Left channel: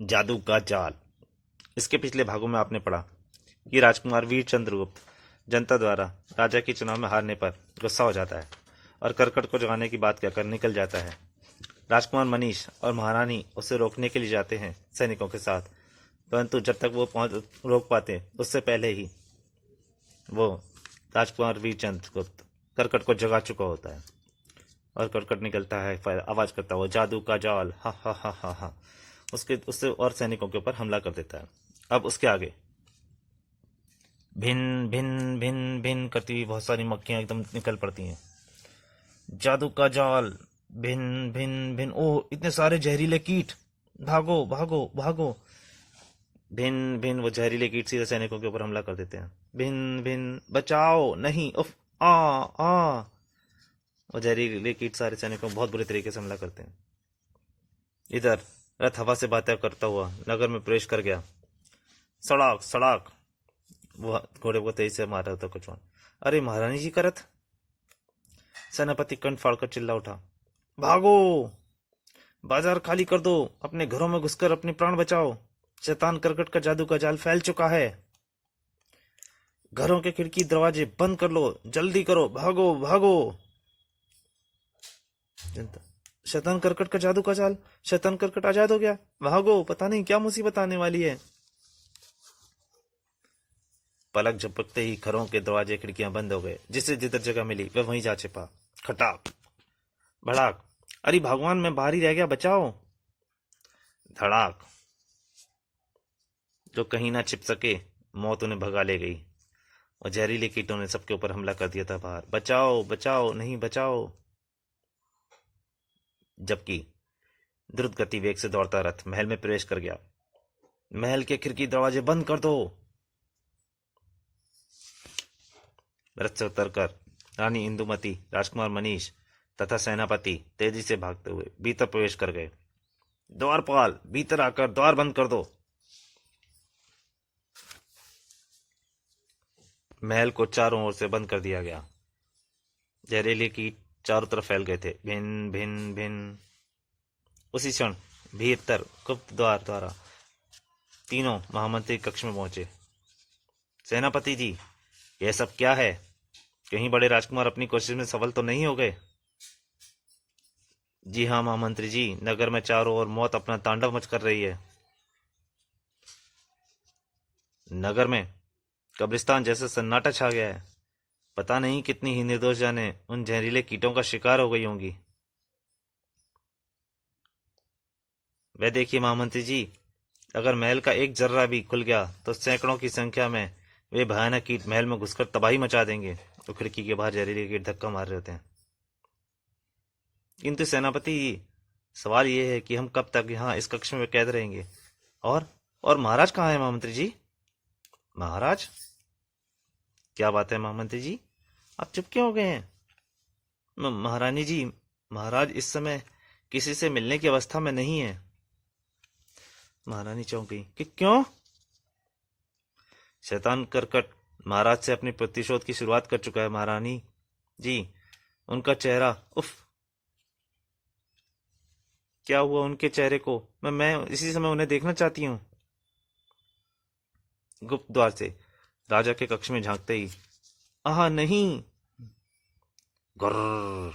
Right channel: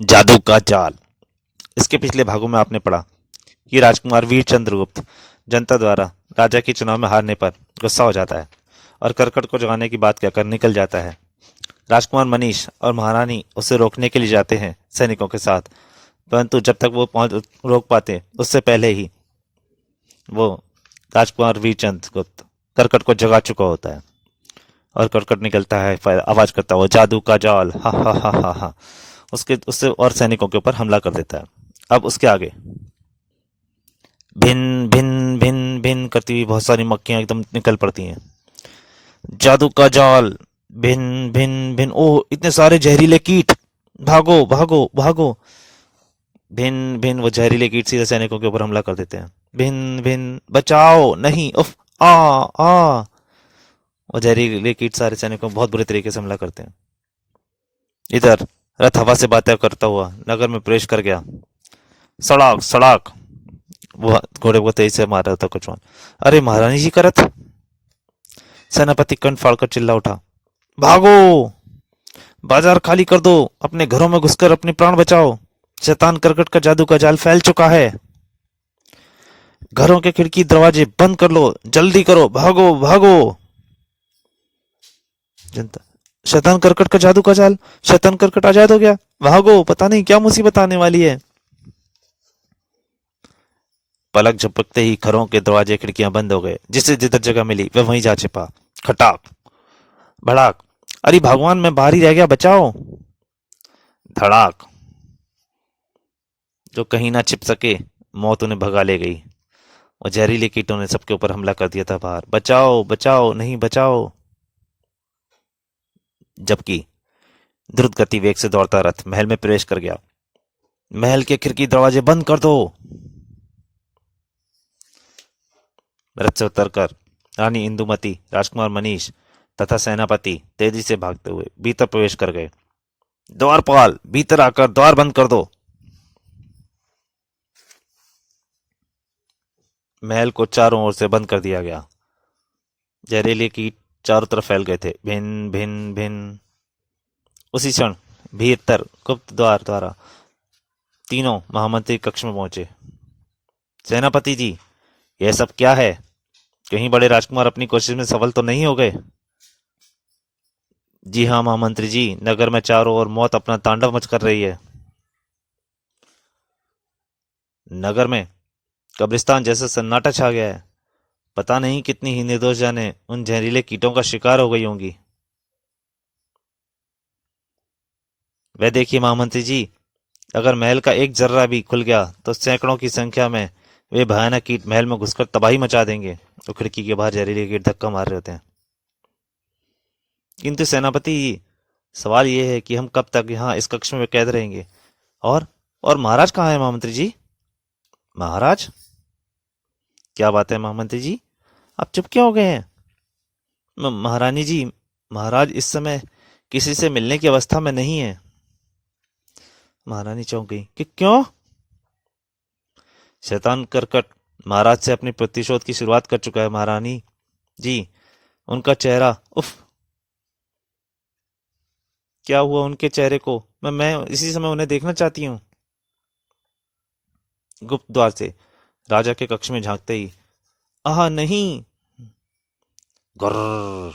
जादू का जाल। इसके पिछले भागों में आपने पढ़ा कि राजकुमार वीर चंद्रगुप्त जनता द्वारा राजा के चुनाव में हारने पर गुस्सा हो जाता है और करकट को जगाने की बात कहकर निकल जाता है। राजकुमार मनीष और महारानी उसे रोकने के लिए जाते हैं सैनिकों के साथ, परंतु जब तक वो पहुंच रोक पाते उससे पहले ही वो राजकुमार वीरचंद गुप्त करकट को जगा चुका होता है और करकट निकलता है, आवाज करता हुआ जादू का जाल, हा हा हा हा हा। उसके उससे और सैनिकों के ऊपर हमला कर देता है। अब उसके आगे भिन भिन भिन भिन करती हुई बहुत सारी मक्खियां एकदम निकल पड़ती हैं। जादू का जाल, भिन भिन भिन, ओह इतने सारे जहरीले कीट, भागो भागो भागो। भिन भिन, वो जहरीले कीट सीधे सैनिकों के ऊपर हमला कर देते हैं। भिन भिन, बचाओ नहीं, उफ, आ आ। वो जहरीले कीट सारे सैनिकों को बहुत बुरे तरीके से हमला करते हैं। इधर रथ हवा से बातें करता हुआ नगर में प्रवेश कर गया। सड़ाक सड़ाक, वो घोड़े को तेजी से मार रहा था कुछ। अरे महारानी जी का रथ! सेनापति कंठ फाड़कर चिल्ला उठा, भागो, बाजार खाली कर दो, अपने घरों में घुसकर अपने प्राण बचाओ। शैतान करकट का जादू का जाल फैल चुका है। घरों के खिड़की दरवाजे बंद कर लो, जल्दी करो, भागो भागो। जनता, शैतान करकट का जादू का जाल, शैतान करकट आजाद हो गया, भागो, पता नहीं क्या मुसीबत आने वाली है। पलक झपकते ही घरों के दरवाजे खिड़कियां बंद हो गए। जिसे जिधर जगह मिली वह वहीं जा छिपा। खटाक, भड़ाक, अरे भगवान मैं बाहर ही रह गया, बचाओ। धड़ाक, जो कहीं ना छिप सके, मौत उन्हें भगा ले गई। और जहरीले कीटों ने सबके ऊपर हमला कर दिया था बाहर, बचाओ बचाओ नहीं, बचाओ। जबकि द्रुत गति वेग से दौड़ता रथ महल में प्रवेश कर गया। महल के खिड़की दरवाजे बंद कर दो। रथ से उतरकर रानी इंदुमती, राजकुमार मनीष तथा सेनापति तेजी से भागते हुए भीतर प्रवेश कर गए। द्वारपाल, भीतर आकर द्वार बंद कर दो। महल को चारों ओर से बंद कर दिया गया। जहरीले कीट चारों तरफ फैल गए थे। भिन भिन भिन। उसी क्षण भीतर गुप्त द्वार द्वारा तीनों महामंत्री कक्ष में पहुंचे। सेनापति जी, यह सब क्या है? कहीं बड़े राजकुमार अपनी कोशिश में सफल तो नहीं हो गए? जी हाँ महामंत्री जी, नगर में चारों ओर मौत अपना तांडव मच कर रही है। नगर में कब्रिस्तान जैसा सन्नाटा छा गया है। पता नहीं कितनी ही निर्दोष जाने उन जहरीले कीटों का शिकार हो गई होंगी। वह देखिए महामंत्री जी, अगर महल का एक जर्रा भी खुल गया तो सैकड़ों की संख्या में वे भयानक कीट महल में घुसकर तबाही मचा देंगे। तो खिड़की के बाहर जहरीले कीट धक्का मार रहे होते हैं। किंतु सेनापति जी, सवाल यह है कि हम कब तक यहाँ इस कक्ष में कैद रहेंगे? और और महाराज कहाँ है महामंत्री जी? महाराज? क्या बात है महामंत्री जी, आप चुप क्यों हो गए हैं? महारानी जी, महाराज इस समय किसी से मिलने की अवस्था में नहीं है। महारानी चौंक गई कि क्यों? शैतान करकट महाराज से अपनी प्रतिशोध की शुरुआत कर चुका है महारानी जी। उनका चेहरा, उफ, क्या हुआ उनके चेहरे को? मैं इसी समय उन्हें देखना चाहती हूँ। गुप्त द्वार से राजा के कक्ष में झांकते ही, आह नहीं! गर्र!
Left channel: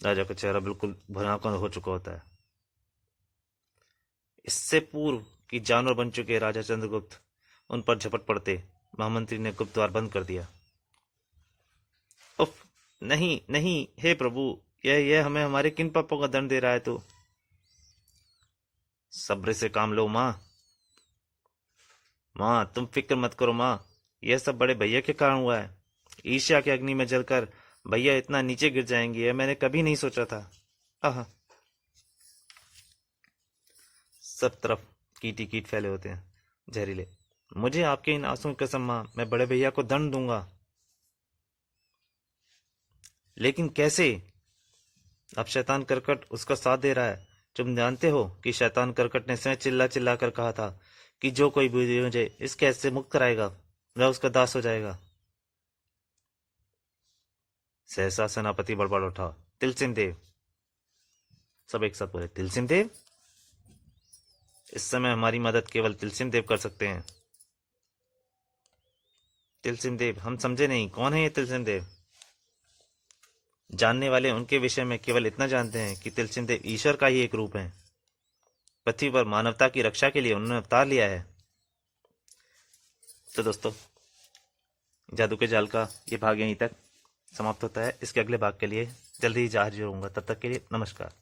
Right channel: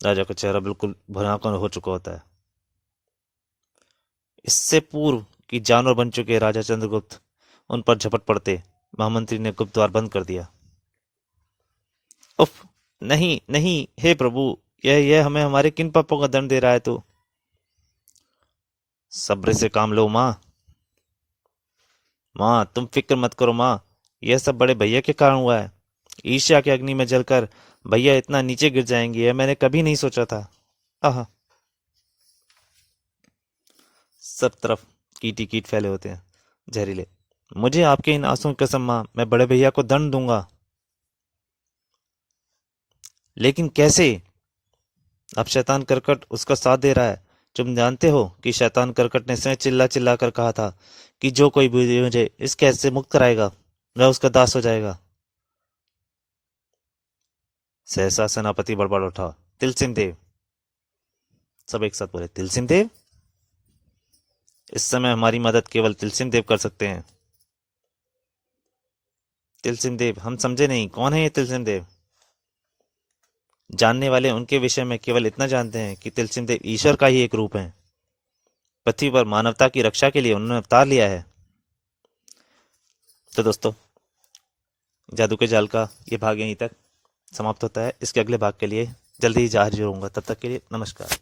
राजा का चेहरा बिल्कुल भयानक हो चुका होता है। इससे पूर्व कि जानवर बन चुके राजा चंद्रगुप्त उन पर झपट पड़ते, महामंत्री ने गुप्त द्वार बंद कर दिया। उफ, नहीं नहीं, हे प्रभु, यह हमें हमारे किन पापों का दंड दे रहा है तू? सब्र से काम लो माँ। माँ तुम फिक्र मत करो माँ, यह सब बड़े भैया के कारण हुआ है। ईर्ष्या के अग्नि में जलकर भैया इतना नीचे गिर जाएंगे, यह मैंने कभी नहीं सोचा था। आह! सब तरफ कीट ही कीट फैले होते हैं, जहरीले। मुझे आपके इन आंसुओं की कसम माँ, मैं बड़े भैया को दंड दूंगा। लेकिन कैसे? अब शैतान करकट उसका साथ दे रहा है। तुम जानते हो कि शैतान करकट ने स्वयं चिल्ला चिल्ला कर कहा था कि जो कोई भी मुझे इस कैद से मुक्त कराएगा वह उसका दास हो जाएगा। सहसा सेनापति बड़बड़ उठा, तिलसिम देव! सब एक साथ बोले, तिलसिम देव? इस समय हमारी मदद केवल तिलसिम देव कर सकते हैं। तिलसिम देव, हम समझे नहीं, कौन है ये तिलसिम देव? जानने वाले उनके विषय में केवल इतना जानते हैं कि तिलसिम देव ईश्वर का ही एक रूप है। पृथ्वी पर मानवता की रक्षा के लिए उन्होंने अवतार लिया है। तो दोस्तों, जादू के जाल का ये भाग यहीं तक समाप्त होता है। इसके अगले भाग के लिए जल्दी ही हाजिर होऊंगा। तब तक के लिए नमस्कार।